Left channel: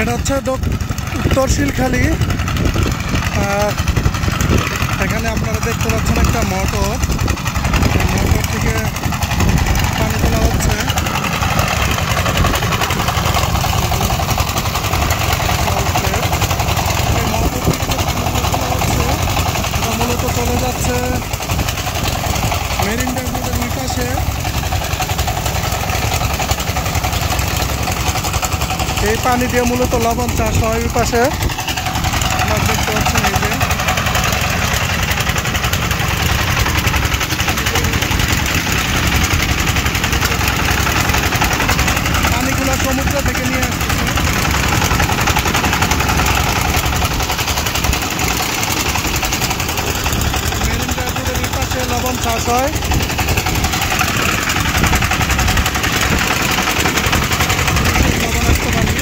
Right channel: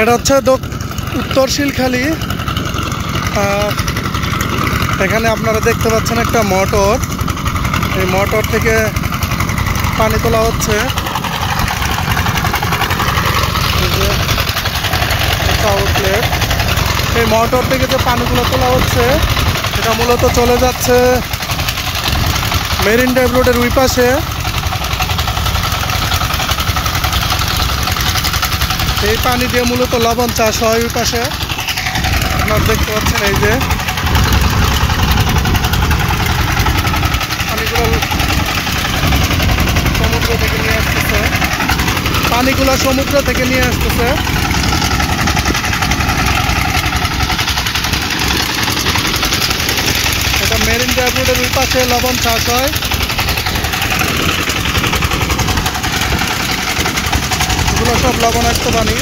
এটা হচ্ছে উত্তর শিলখালী। এখানে আপনারা দেখতে পাচ্ছেন একটা মোটর, এই মোটর থেকে পানি তোলা হচ্ছে। একটা আউটলেট, এই মোটর থেকে যে পানিগুলো তোলা হচ্ছে এটা মূলত চলে যাচ্ছে মেরিন ড্রাইভ রোডের ওই পাশে। এই পানি দিয়ে মূলত লবণ চাষ হয় ওই পাশে, আপনারা দেখতে পাচ্ছেন। এই যে পানিগুলো সমুদ্র থেকে নিয়ে আসতেছে। এটা মেরিন ড্রাইভ রোডের ওই পাশে লবণ চাষ হয়। এগুলো সব লবণাক্ত পানি।